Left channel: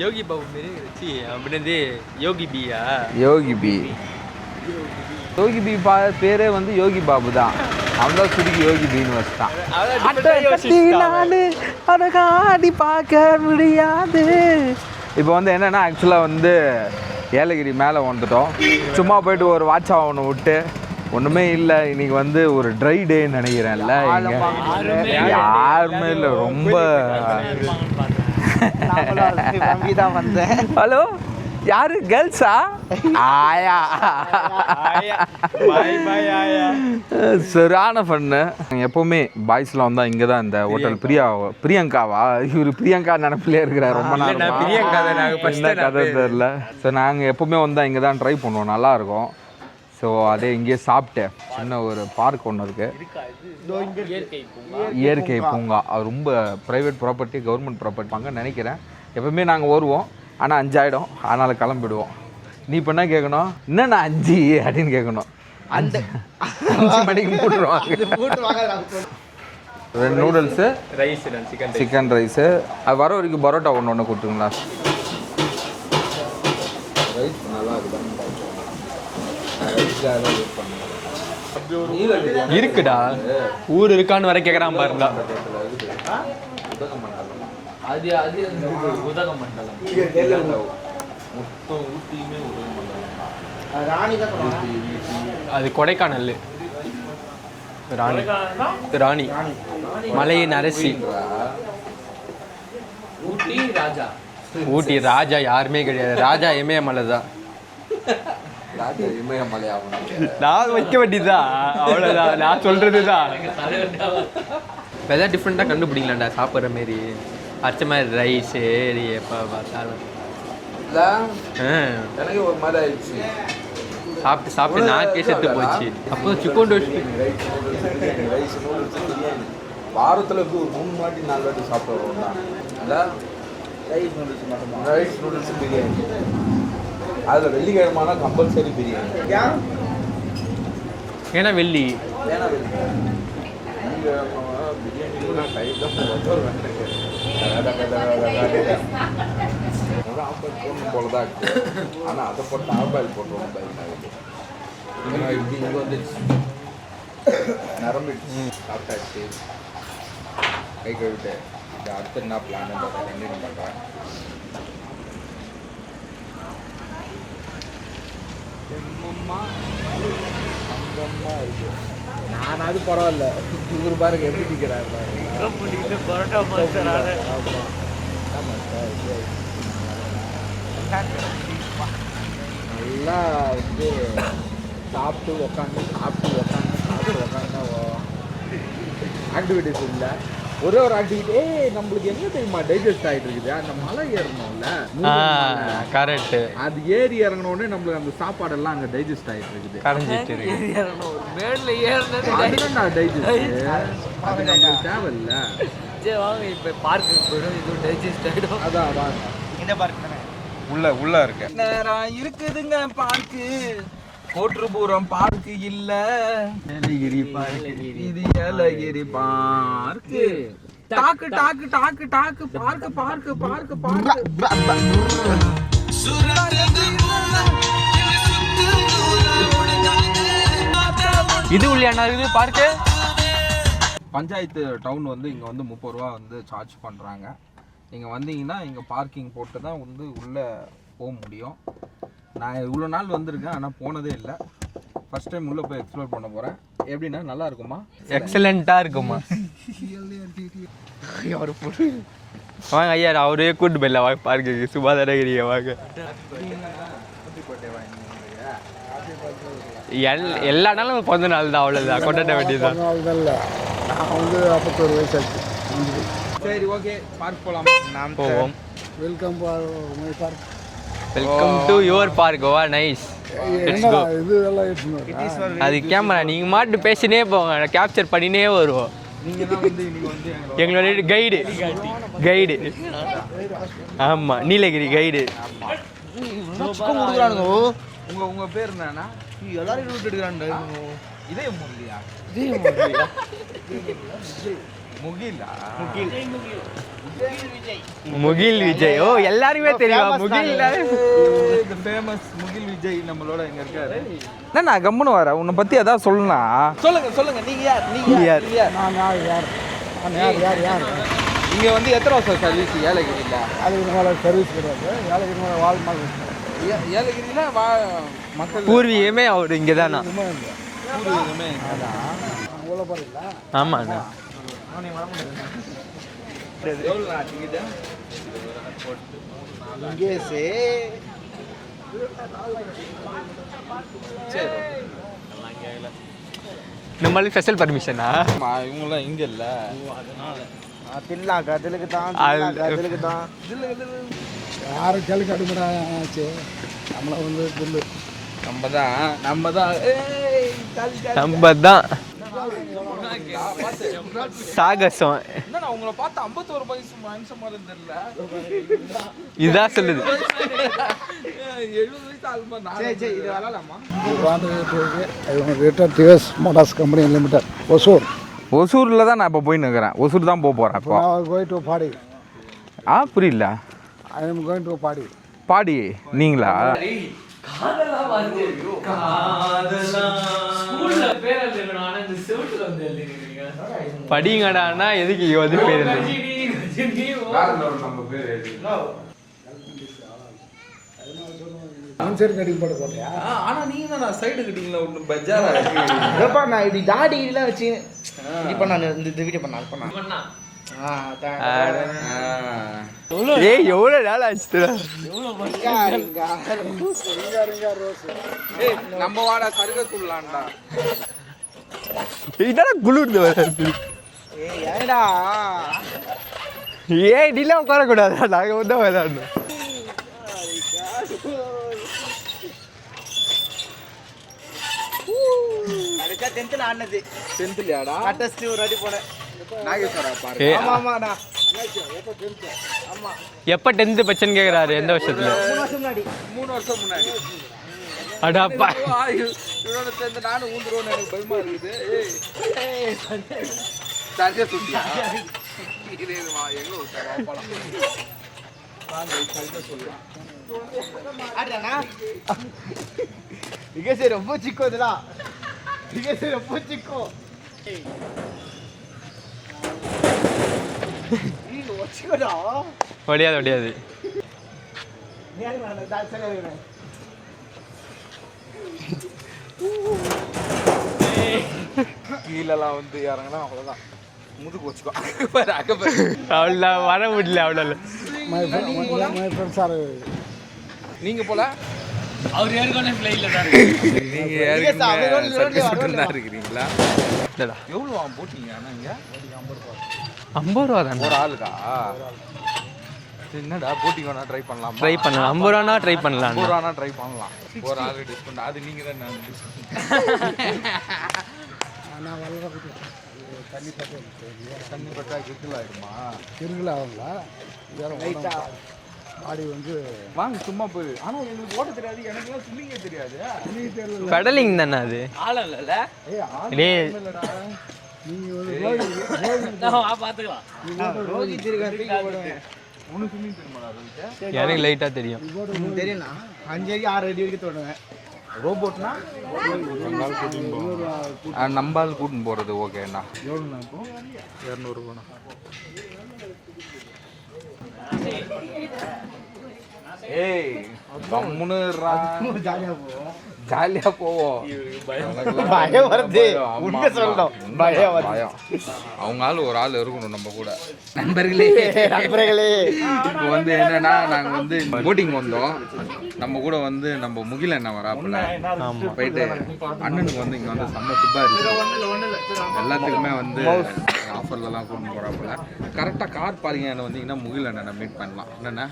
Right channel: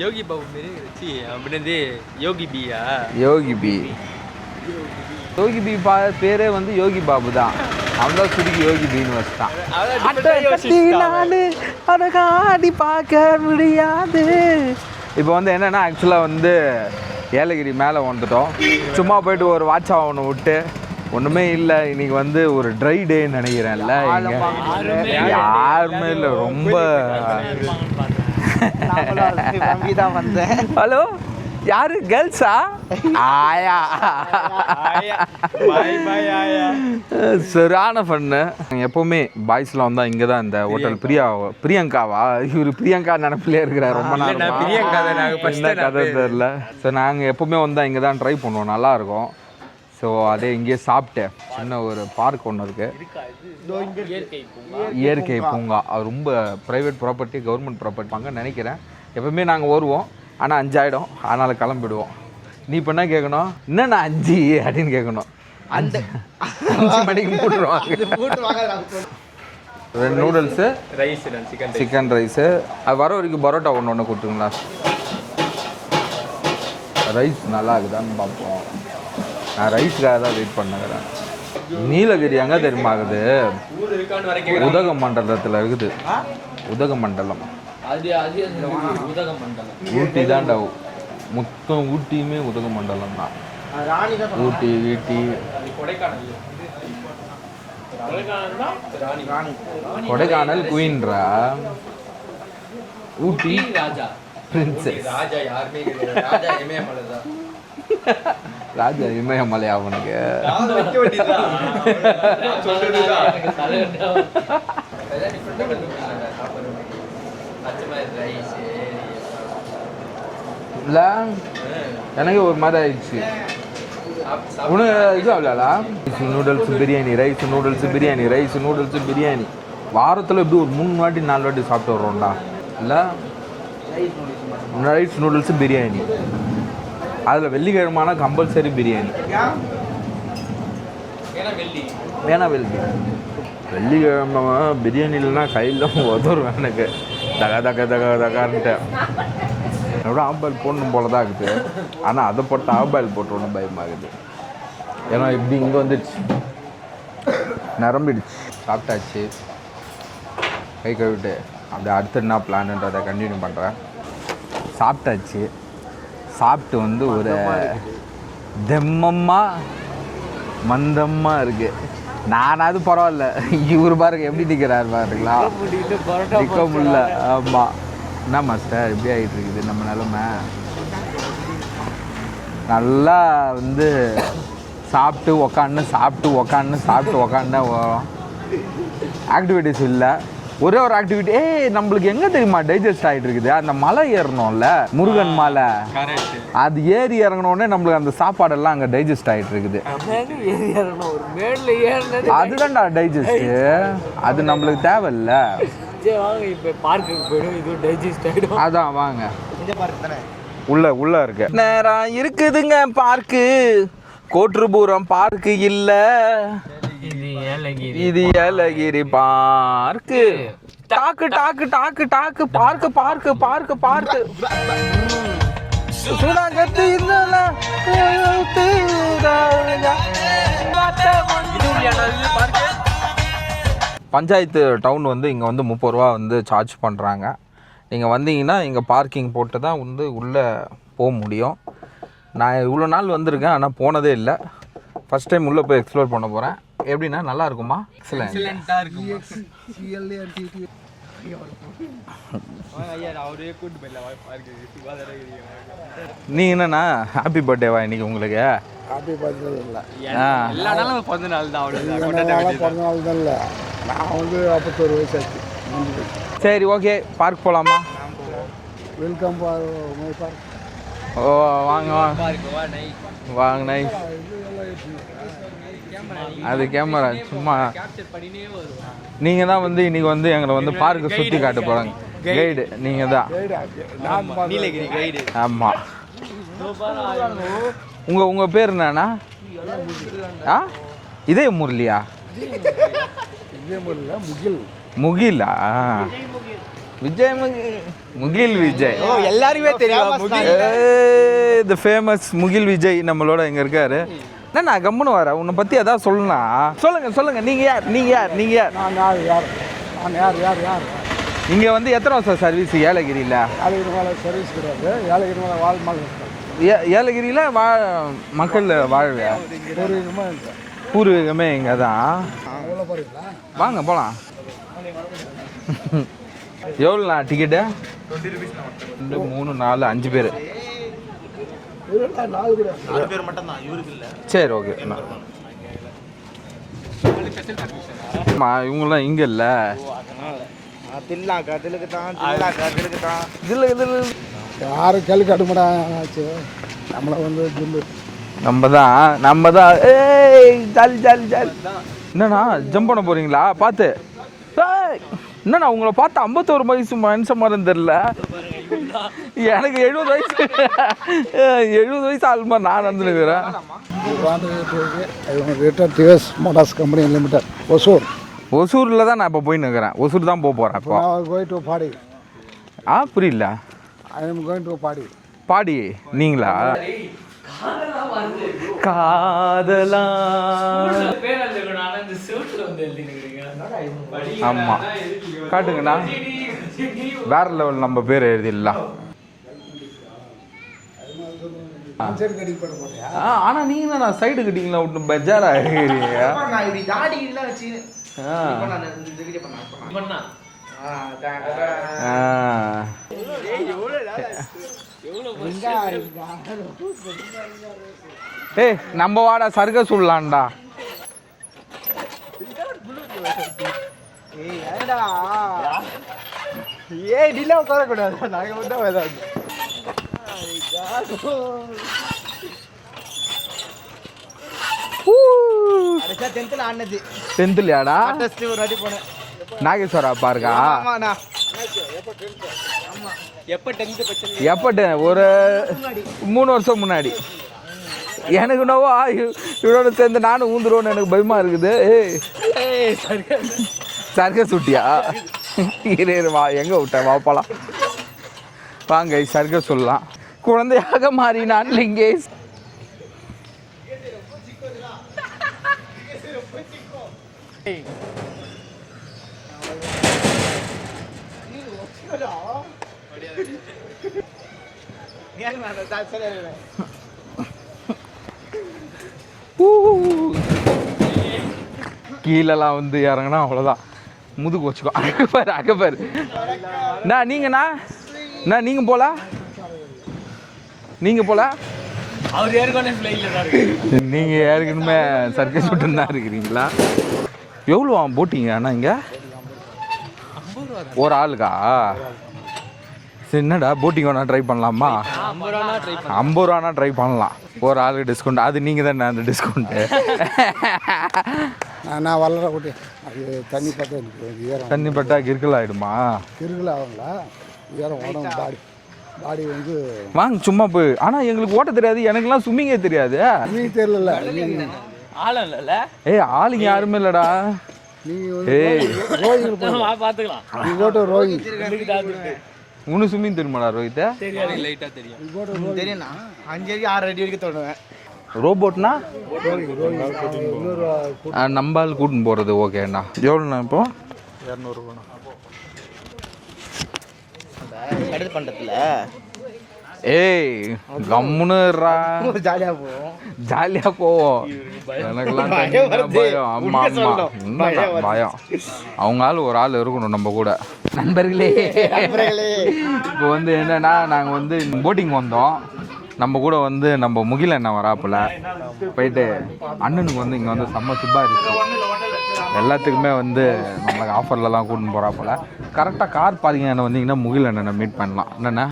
யோகி பாபு மாரி அப்படின்னது யோகி பியா யோகி பி யோகி பி பேரே வந்து யோகி பாபு தான். அவன் தான் சுருக்கி யோகி பின்னு வச்சுட்டான். அடி பார்க்க முடியாது. இப்போ வந்து என்னென்னா ஆக்சுவலாக வந்து ஏலகிரி மேலே வந்துட்டோம். சும்மா போயிட்டு ஒரு வாட்சா ஒன்று விட்டு ஒன்றுமே இல்லை. இன்னைக்கு வந்து ஒரு ட்ரை டேன்னு நினைக்கிறேன்ல. யாருமே இல்லை. ரொம்ப ஹலோ யாரு கேர்ள்ஸா? ஆயா சரியான ஃபன்னு. எப்போவுமே பாய்ஸ்லாம் வந்தால் இங்கே தான் இந்த ஹோட்டல் பிரியங்காவா இவர் பிரியங்கா நினப்பிலே இருக்கிறார். ரொம்ப நாள் கதை தெரில. ஸோ நாங்கள் எப்போவுமே வந்தால் இங்கே தான் ட்ரை பண்ணுவோம். நல்லாயிருக்கும். ஸோ அதே இங்கேயே சாப்பிட்டேன். சின்ன ஒரு பார்க் ஒன்று இருக்குது, இயற்கை பூங்கா. அது ரொம்ப ப்ரைவேட் ப்ராப்பர்ட்டி, கவர்மெண்ட் ப்ராப்பர்ட்டி நினைக்கிறேன். எப்பவுமே நாங்கள் வருவோம், ஆனால் 5 ஆகிடும். அதனால் கிளம்பிடுவோம். நீ இப்போ என்ன கேட்கணும்? என்னண்ணா 5 அப்படின்னு கேட்கணும். 5 மணிக்கு மூட்டுருவாங்க. 2 நூடுல்ஸு, ரைஸ், சிக்கன் ரைஸு. அது வர வரைக்கும் பரோட்டா ஒன்று கொடுத்துருங்களா? ரைஸ் நல்லா இருக்குதான்னு பார்ப்போம். நான் ரைஸ்க்காக தான் வெயிட் பண்ணேன். நீலகிரி அங்கே இருக்குமா? ஊர் இருக்கான்னு வர கேட்குறேன். உதகமண்டலத்தில் இருக்குது. உதகமண்டலம் ஊட்டி தான்டா. மொத்தம் ஊட்டியுமே உதகமண்டலம் தான். ஊட்டி வீட்டி அது கொடைக்கானல். ராணி குயின்றா. ஊட்டி ராஜா. ஊட்டி ராஜா யாருமே கிடையாது. ராஜா இமயமலை தான். ராஜா இமயமலை அவனுக்கு நான் வைக்க வேண்டியதுதான். அவ்வளோதான் நான் சொல்றதுதான். எதாவது டிஃப்ரெண்டாக கண்டுபிடிக்கலாம்டா சாப்பிட்ற மாரி. அச்ச மாதிரி ரைஸு எப்போ பார்த்தாலும் இல்லை. எனக்கு ஒரு மாதிரி ஆயிடுச்சு. சாப்பிட்டு biryani, rice, noodles, biryani, rice, noodles, biryani. வாரத்தில் எப்படி ஒரு 3 வாட்டி 4 வாட்டி சாப்பிட்டு வரோம்டா. இல்லை ரைஸ், நூடுல்ஸு, பிரியாணி. அதில் வெள்ளிக்கிழமான கம்பல்சரி பிரியாணி. ஏன்னா வெள்ளிக்கிழமை பிரியாணி இல்லைன்னா கையில் உதவும் எனக்கு. தகான்ட்டு என்னோட ஆம்பாயில் போடணும் போல தான் இருக்குது. ஆனால் அதை போட்டு ஆம்பாயில் போட்டோன்னு பயமாகுது. ஏன்னா இப்படி இங்கே வந்துடுச்சு, நிரம்பிடுச்சு. சாப்பிட்டாச்சு, கை கழுவிட்டு அப்படியே அடுத்து என்ன பிளான்ன்றதை கண்டினியூ பண்ணுறேன். சாப்பிட்டாச்சு. சாப்பிட்டு வந்து ஒரு தெம்மமாக மந்தமாக இருக்குது. நானாவது பரவாயில்ல. இவர் பாருங்க எப்படி நிற்கிறாரு பாருங்களா. நிற்க முடியல. ஆமாம். என்ன மாஸ்டர் எப்படி ஆகிட்டு இருக்குது நம்ம நிலமை? நல்லா வந்து சாப்பிட்டு உக்காந்து ஆக்டிவிட்டிஸ் இல்லை. ஒரே ஒரு ஆக்டிவிட்டி நம்மளுக்கு எங்க தெரியுமா டைஜஸ்ட் ஆகிட்டு இருக்குது? அந்த மலை ஏறணும்ல, முருகன் மலை. கரெக்ட். அது ஏறி இறங்கணுன்னே நம்மளுக்கு அந்த சாப்பாடெல்லாம் அங்கே டைஜஸ்ட் ஆகிட்டு இருக்குது. அதுதான்டா டைஜஸ்ட். அது நம்மளுக்கு தேவையில்ல. அதான் வாங்க. உள்ள இருக்கு. நேரம் இருக்குதுங்க பார்க்கு. கோட்டுபுரம் பார்க்கு இல்ல, இது ஏலகிரி பார்க்கு. டாக்கு டாக்கு டாக்கு டாக்கு பார்க்கு பார்க்கு பார்க்கு பார்க்கு. இது உள்ளியானது பார்க்கு. பஞ்சாயத்து டவுன் வந்து இங்கே வந்து 30 ரூபா வந்து சார்ஜ் பண்ணுறாங்க. நீங்கள் வந்தீங்கன்னா இங்கே பார்க்கிங் போட்டு தான் வந்து உள்ளே போக முடியும். நான் இவ்வளோ நாள் வந்திருக்கேன், ஆனால் போனதே இல்லை. ஃபஸ்ட் டைம் உள்ளே போய் எக்ஸ்ப்ளோர் பண்ண போகிறேன். எப்படின்னா நல்லா இருக்குமா? எக்ஸலண்ட்டாக இருக்குமா? வாங்க ஐயா, அவரே கூட்டு போயிடல பார்க்கு. சுபாதாரகிரியை வாங்க. நீ என்னண்ணா ஹாப்பி பர்த்டேவா இன்னைக்கு உங்களுக்கு? எல்லா நாளும் பிறந்த நாள் தான். அவ்வளோதான் கொண்டாட வேண்டியது. நான் வந்து 51 வயசு ஆச்சு. சரி, ஓகே. பார்க் போகலாமா? நாம் போவோம். Welcome my park. Welcome to your park. O nice. அது கேமரா நீங்க மாட்டு பேசினே போங்க, கேப்சர் பண்ணினே வருவோம். நீங்க தான் வந்து இன்னைக்கு வந்து எங்களை வந்து பார்க் சுத்தி காட்ட போறாங்க. கைடு நீங்க தான். ஆமா, நீலகிரி கைடு. ஆமா. உங்க பேர் என்னன்னா? இதே முரளியா? முகிலா? விஜய் முகில் விஜய் எல்லாருமே தெரியும் முகில் த ஃபேமஸ் முகில் விஜய் நம்மளோட இங்க இருக்காரு. என்ன நான் கம்முன்னு வரேன், உன்னை பத்தி ஏதாவது சொல்லலாம். சொல்லுங்க நீங்க யார்? நான் யார் இங்க வந்து எத்தனை வருஷம் சர்வீஸ் ஏலகிரியில? ஏலகிரி மேலே சர்வீஸ் கிடையாது. ஏலகிரி மேலே வாழ்மால் இருக்கிறேன். ஏலகிரியில மக்கள் பூர்வீகமே அவர் இங்கே தான். பூர்வீகமே இங்கே தான். உள்ள போகிறீங்களா? ஆமாங்க போகலாம். எவ்வளோண்ணா டிக்கெட்டு? 2 3 4 5 பேர். 4 பேர் சரி ஓகே. நம்மளுக்கு ஸ்பெஷல் பர்மிஷனா? இவங்களாம் இங்கே இல்லை. யாரும் கேள்வி கட்டுமடா ஆச்சு. நம்மளை வந்து ஜில்லு நம்ம தான் என்னண்ணா ஜம்ப் பண்ண போறீங்களா? பார்த்து சாகசம். என்னண்ணா உங்களை பார்த்து 51 வயசு மனுஷன் மாதிரி தெரியல. எனக்கு 70 வயசு ஆள் மாதிரி நான் வந்துருக்கிறேன். Return TVS motors company limited ஒசூரில் தான் நான் இப்போ போயின்னு இருக்கிறேன். ஒசூர் தான் போகிறேன் இப்போ. Going to party. புரியல. I am going to party. Party நீங்களா? படிங்கடா எதுக்கு வேற லெவல் நம்ம பேர் எழுதிடலாம். ஆன்சர் கட்டிங் போட போறியா? ஆனா நீங்க நான் சைடு கட்டிங்களா ஒண்ணு பெஜாரா இருக்கீங்க. நான் இப்படி தாடி எல்லாம் வச்சு இப்போ நான் இந்த வீடியோ பண்ணா ஏய் எவ்வளோ நாள் ஆச்சு? ஏய் நம்ம வாடா சர்க்கஸ் உள்ளான்டா. இதெல்லாம் குளிர்ந்து வருது. ஏடா ஏய் டிலே உட்காரக்கூடாது, நாங்கள் வந்து விளையாடணும். டென்த்லயாடா? ரெடி போனேன். நாகேஸ்வரா பாருங்க. எப்போ 10th பச்சன் ஒரு 3 வருஷம் முன்னாடி. எனக்கு இவரோட சேர்ந்து நானும் ஊந்துருவோன்னு எனக்கு பயமா இருக்குது. சர்க்கஸ் சுட்டியா? வா எங்க விட்ட வாப்பாலாம் வாங்க சர்க்கஸ் சொல்லலாம். குழந்தையாக மாறினான் லிங்கேஷ். ரொம்ப சிக்கோதுடா. ரொம்ப சிக்கோ. ஒடியாது. கீழெல்லாம் வந்து இறங்கினா அவ்வளோதான், முதுகு வச்சுக்கோ. நீங்க போல அவர் ஏற்கனவே நீங்க ஏற்கனவே சர்க்கஸ் மட்டும் தான் இருக்கிறீங்களா? எவ்வளோ போட்டிங்க அண்ணா இங்க? 50 ரூபா தான் ஒரு ஆளுக்கா? சரி என்னடா போட்டிங் வேணா ட்ரை பண்ணலாமா? ட்ரை பண்ணலாம். 50 ரூபானா ட்ரை பண்ணலாம். 50 ரூபானா ட்ரை பண்ணலாம். ஒரு ஆளுக்கு டிஸ்கவுண்ட். அது நீங்கள் தானே அந்த டிஸ்கவுண்ட்டு? நான் வளர கூட்டி அது தண்ணி பட்ட தண்ணி பட்டா கிறுக்கல் ஆகிடுமா? கிறுக்கல் ஆகுங்களா? பாடி வந்து வாங்க சும்மா போய். ஆனால் எங்களுக்கு ஓட்ட தெரியாது, எனக்குலாம் ஸ்விம்மிங்கே தெரியாது. ஸ்விம்மிங் தெரியல. பெடலிங் தானே அது. ஏய் ஆளுங்க யாருமே இல்லைடா. உனக்கு ஸ்விம்மிங் தெரியுமாடா ரோஹித்? எனக்கு லைட்டாக தெரியும். தெரியும்ண்ணா. 5 அடி 6 அடி வரைக்கும் தொடுவேன். ரோபோட்னா நம்பால் கூட்டின்னு போகிறது. ஓகேண்ணா. எவ்வளோண்ணா இப்போ? 200 ரூபாண்ணா. பண்றதுல ஏய் கம்முன்னு ஜாலியாக போவோம். ஜாலியாக போவோம். பயம். அவங்க ஆள் ஒரு ஆள் இருக்கணும் நம்ம கூட. நண்பர்களே இப்போ வந்து என்னன்னா நாங்கள் வந்து போட்டிங் வந்தோம். நம்ம கூட வந்து நம்ம முகில் அண்ணன் வராப்புல போயிட்டு அண்ணனுக்கு வந்து இங்கே வந்து செம்ம சுப்பா இருக்கு. எல்லாத்துக்குமே வந்து நம்மளுக்கு ஆஃபர்லலாம் கூட்டின்னு போகிறாப்புல. கரெக்டாக கார் பார்க்கிங் அண்ணன் வந்தீங்கன்னா முகில் அண்ணனை மீட் பண்ணலாம். என்னென்ன